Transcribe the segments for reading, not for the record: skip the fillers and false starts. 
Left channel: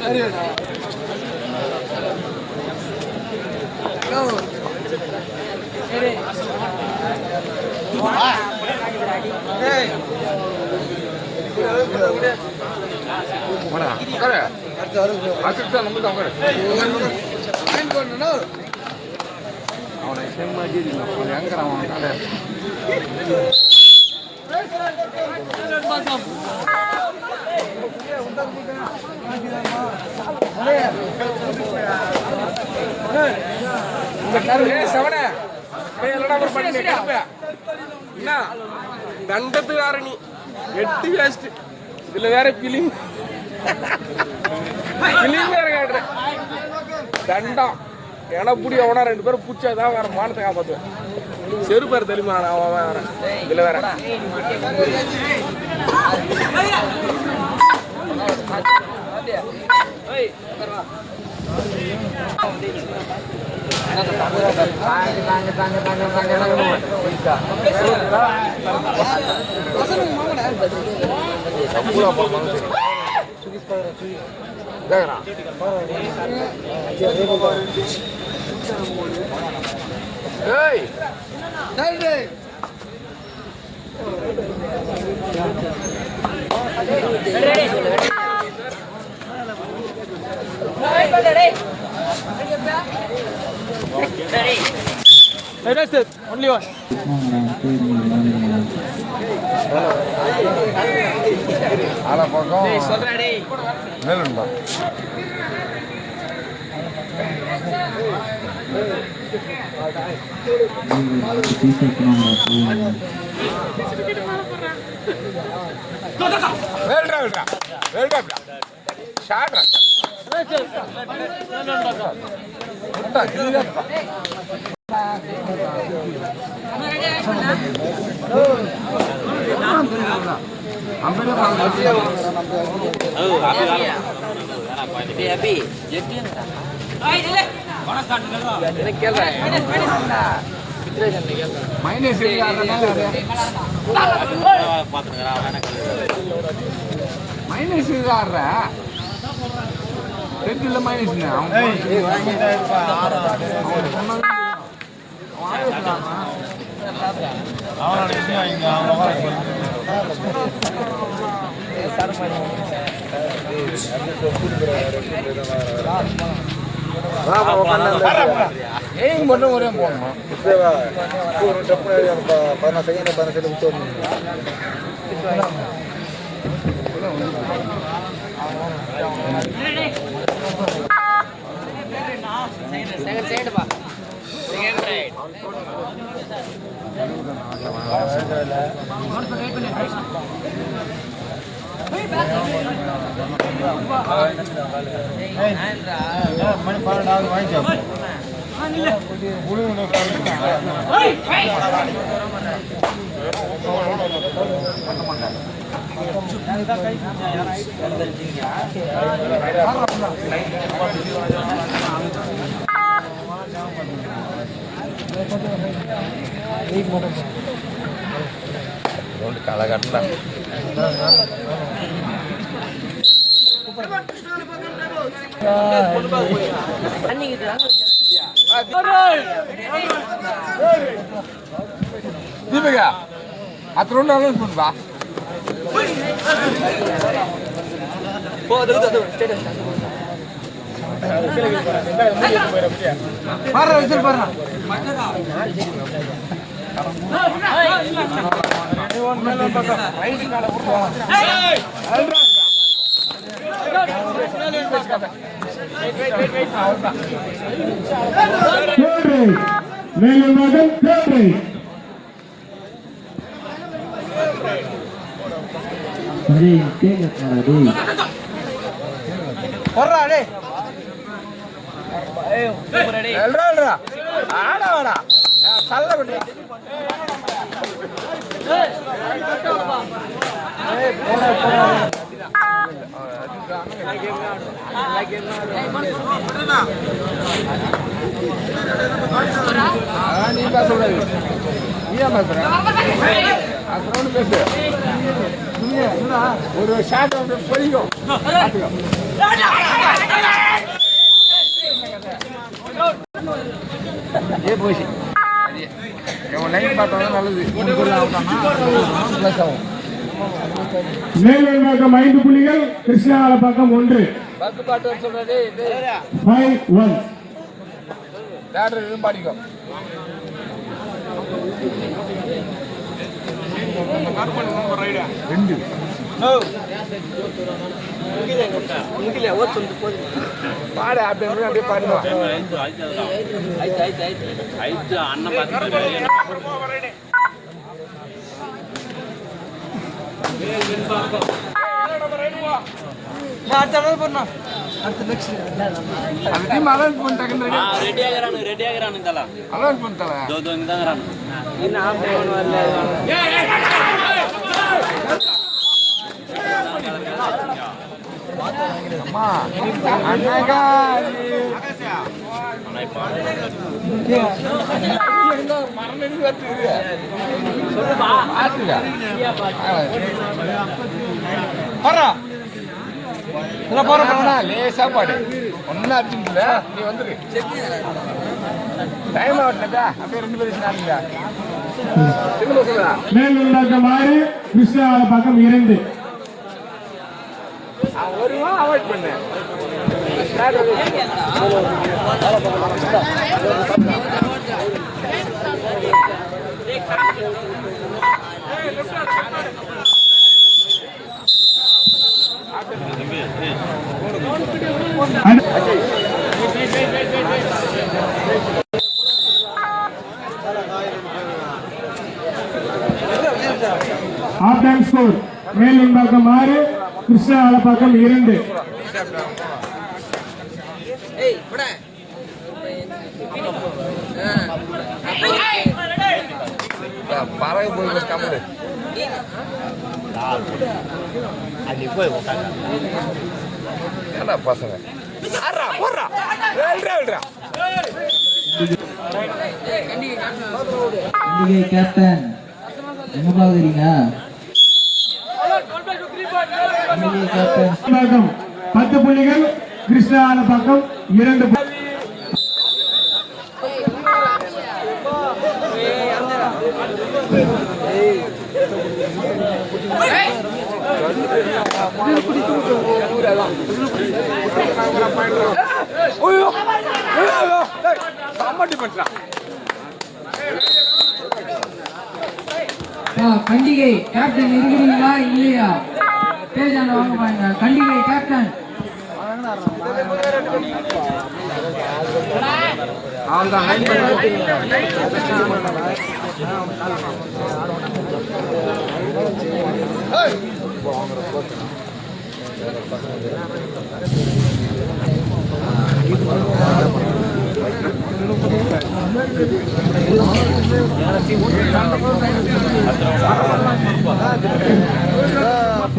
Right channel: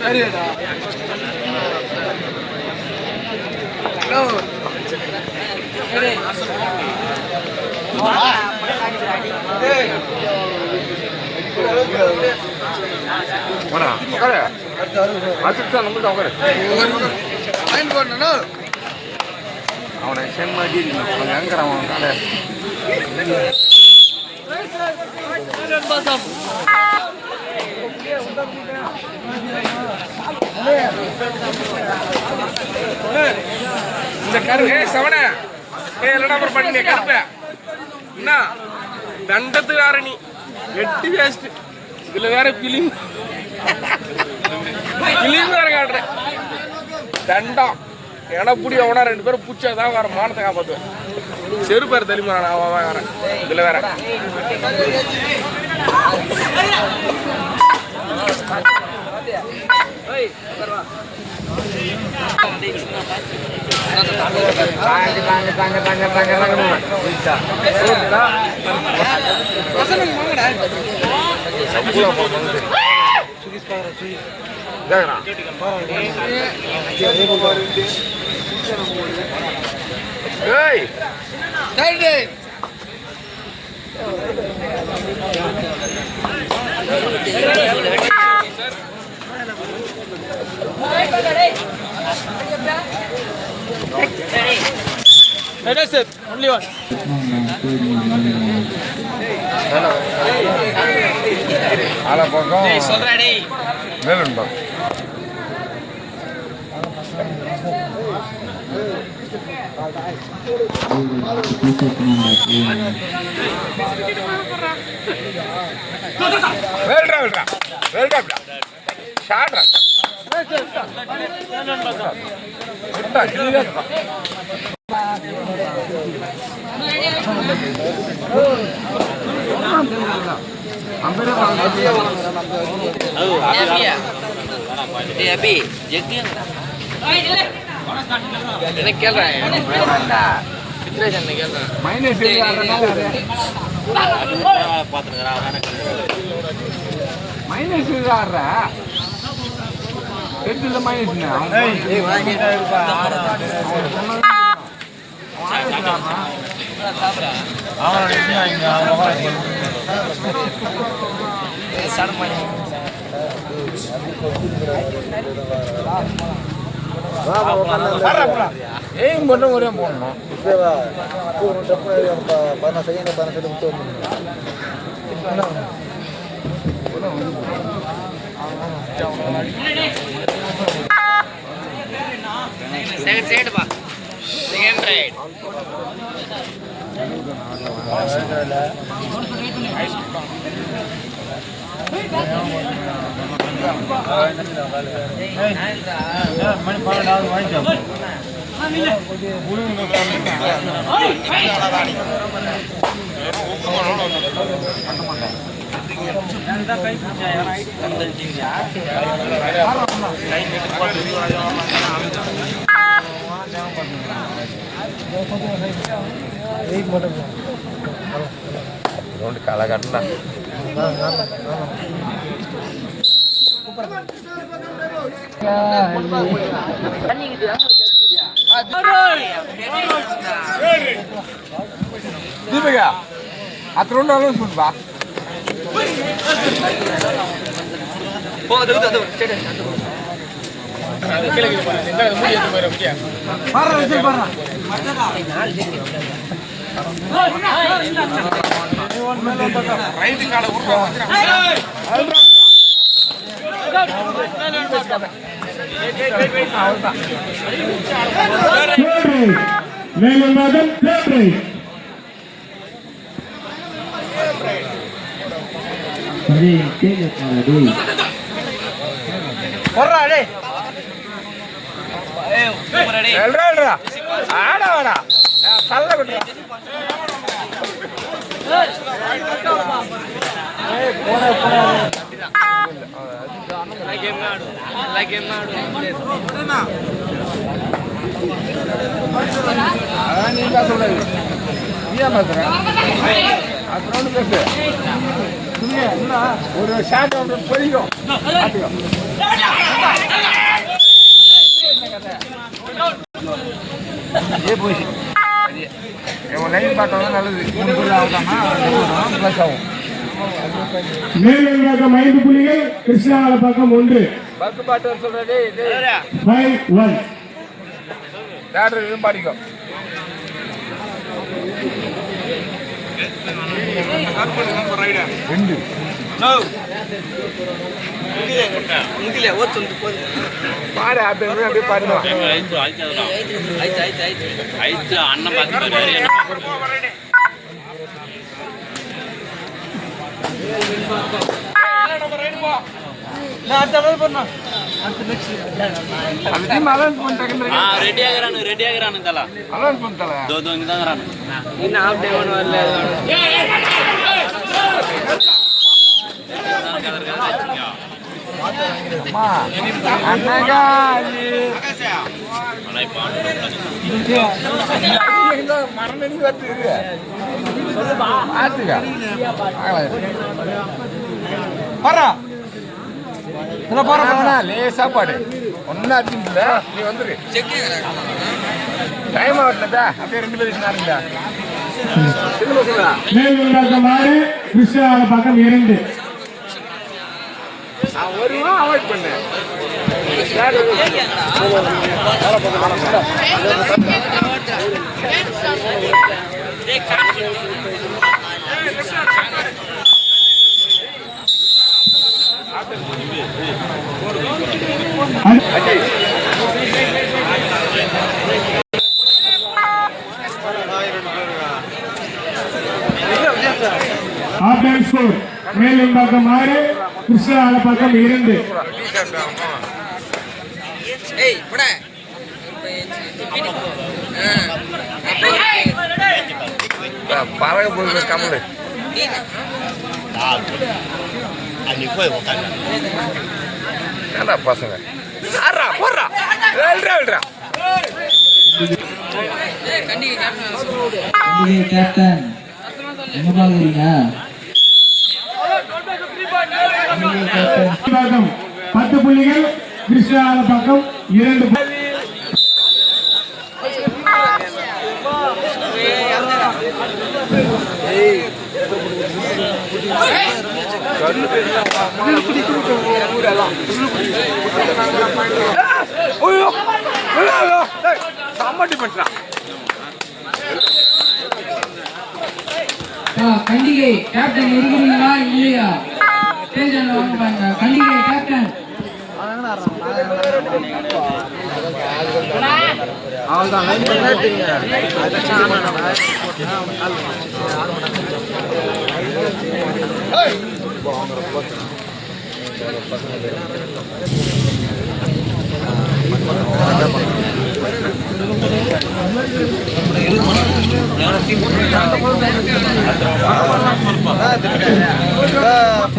சரியாடா அவனை செம்மாடி அவன் எங்கிறான் அவன் கடை இந்த கருப்பு சவன நம்பர் பண்ணி கருப்ப என்ன தண்டத்து வேற நீ 8 வேஸ்ட் இதுல வேற பிலிம் வேற காட்டுற தண்டம் எனப்புடி அவனா 2 பேரும் பூச்சாதான் வேற மானத்தை காப்பாத்துவேன் செருப்பாரு தெரியுமா அவன் வேற இதுல வேற only one. Ala pogo. Hey, solra dei. Velundo. Well done. Shot. Second side ba. Second right. काला काटला ஒரு ஷாட் பொழியும் மேலும் 5 புள்ளிகள் கிருஷ்ணகால பக்கம் 1 5-1 பாடிக்கும் பாடு அப்படியே பாடுவோம் அண்ணன் பார்த்து రెడీ ఆగరాను ఇంతలా దోంగిదాగరాను ఇన్న హాఫ్ డే వన్ వల్ల லேசா பாடு ஒன்னா நீ வந்துரு டைம் ஆகட்டா அப்படியே 2 நிமிஷம் கிருஷ்ணகால பக்கம் 2 ஒரு அவாய்ட் பண்ணு மேலும் பக்கம் 6 கிருஷ்ணகால பக்கம் 2 பறவை போய் கமலு ஏண்டா பசங்க போடுறா கேப்டன் எங்க பாக்குறீங்க 10 புள்ளிகள் கிருஷ்ணகால பக்கம் 2 கண்டிகை கேப்டன் இருக்கிறீங்களா இல்லையா பேஜான வாங்க பாருங்க கண்டிகை கேப்டன்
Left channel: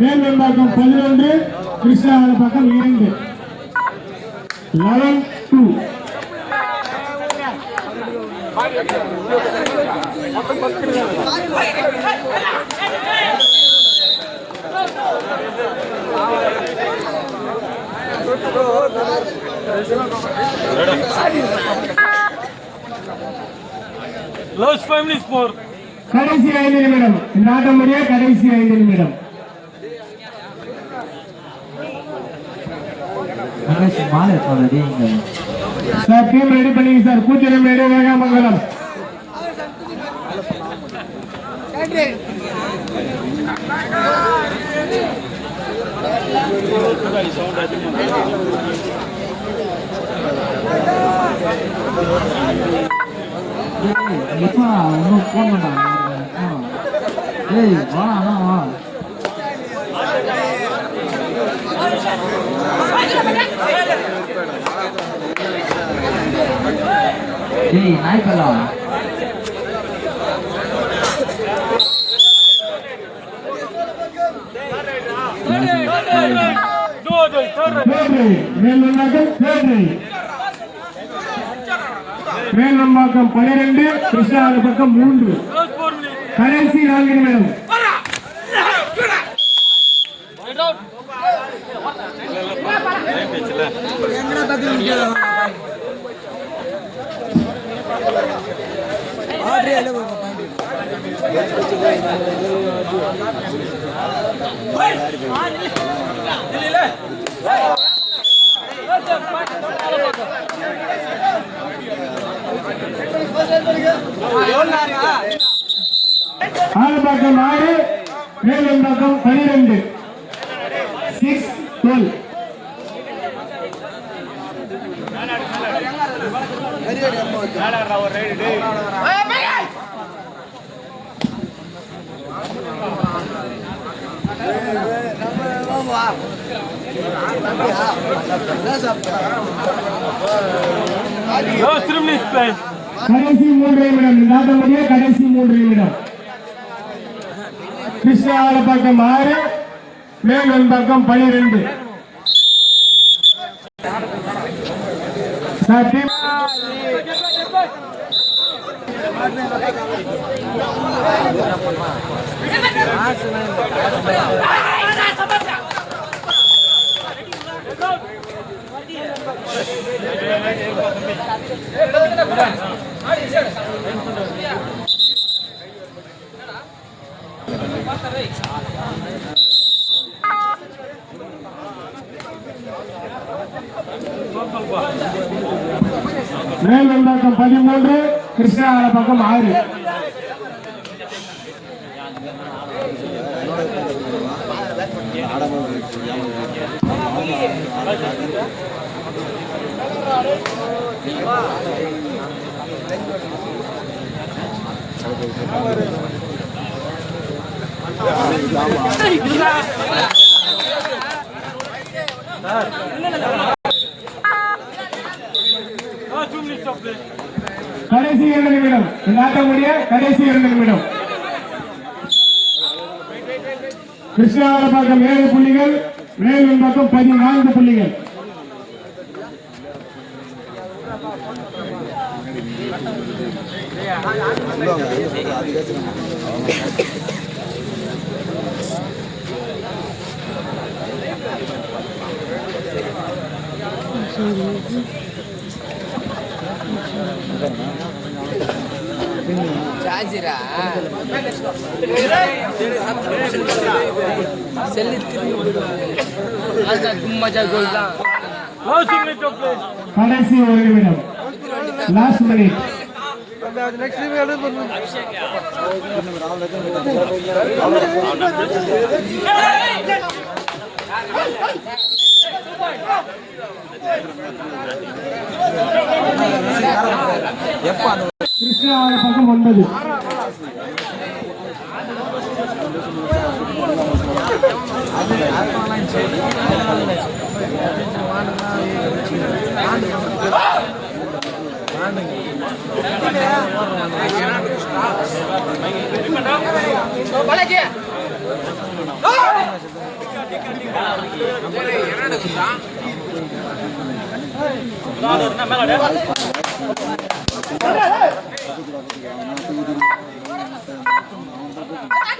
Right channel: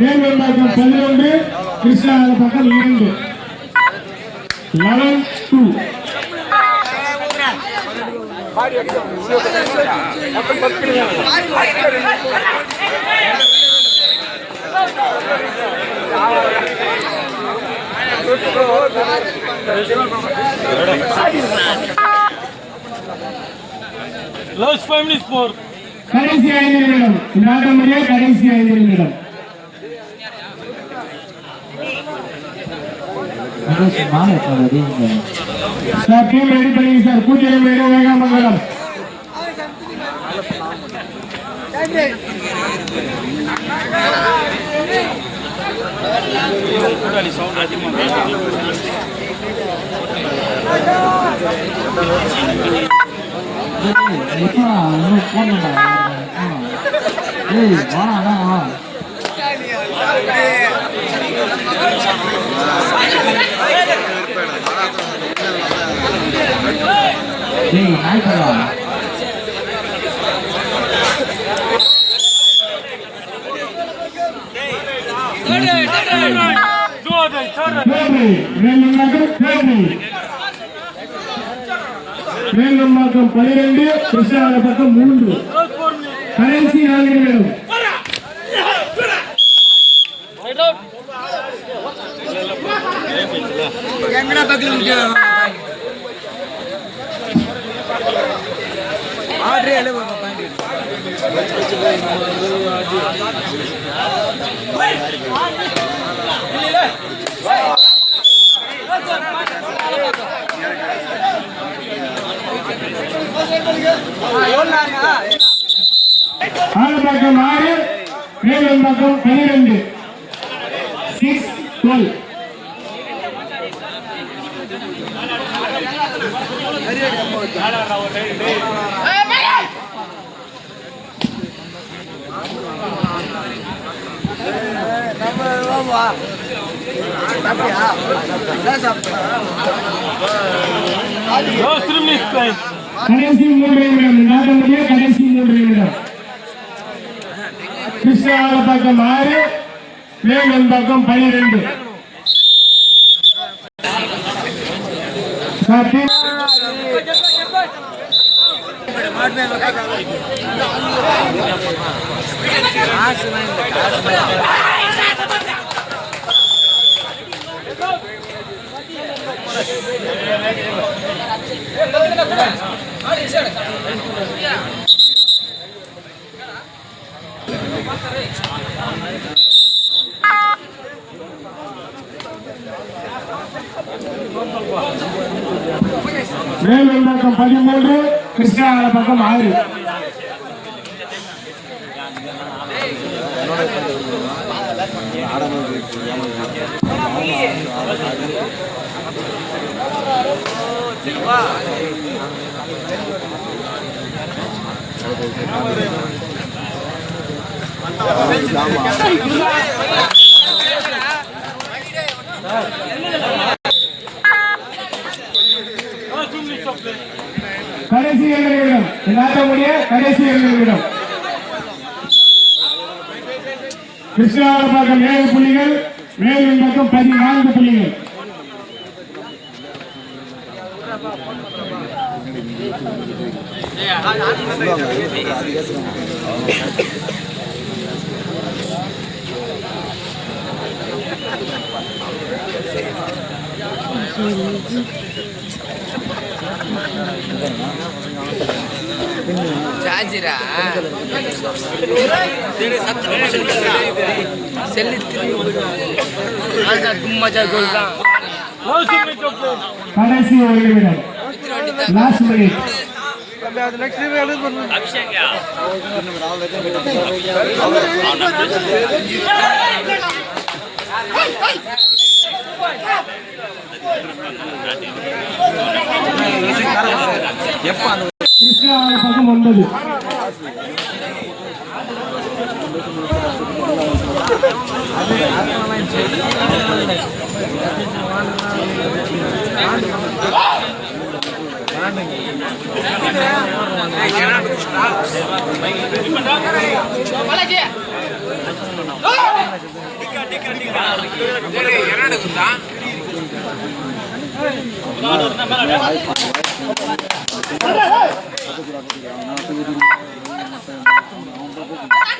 மேலும் பக்கம் 11 கிருஷ்ணகால பக்கம் 2 11-2 Last 5 minutes for கடைசி 5 நிமிடம் இந்த ஆட்டம் முடிய கடைசி 5 நிமிடம் மாலை ரெடி சார் டீம் ரெடி பண்ணிங்க சார் பூஜ்ஜியம் ரெடி வேகாமங்கலம் மேல்நம்பாக்கம் 12 கிருஷ்ணகால பக்கம் 3 கடைசி 4 நிமிடம் ஆலப்பாக்கம் 6 மேலம்பாக்கம் 12 6-12 Last 3 minutes time. கடைசி 3 நிமிடம் நாட்டமுடிய கடைசி 3 நிமிடம் கிருஷ்ணா ஆலப்பாக்கம் 6 மேலம்பாக்கம் 12 மேலம்பாக்கம் 13 கிருஷ்ணா ஆலப்பாக்கம் 6 கடைசி 2 நிமிடம் நாட்டமுடிய கடைசி 2 நிமிடம் கிருஷ்ணா ஆலப்பாக்கம் 7 புள்ளிகள் மேலம்பாக்கம் 14 புள்ளிகள் சார்ஜரா செல்லு மஜா கோல்தான் Last minute of play. கடைசி 1 நிமிடம் லாஸ்ட் மினிட் அபிஷேக் கிருஷ்ணா ஆலப்பாக்கம் 9 என்ன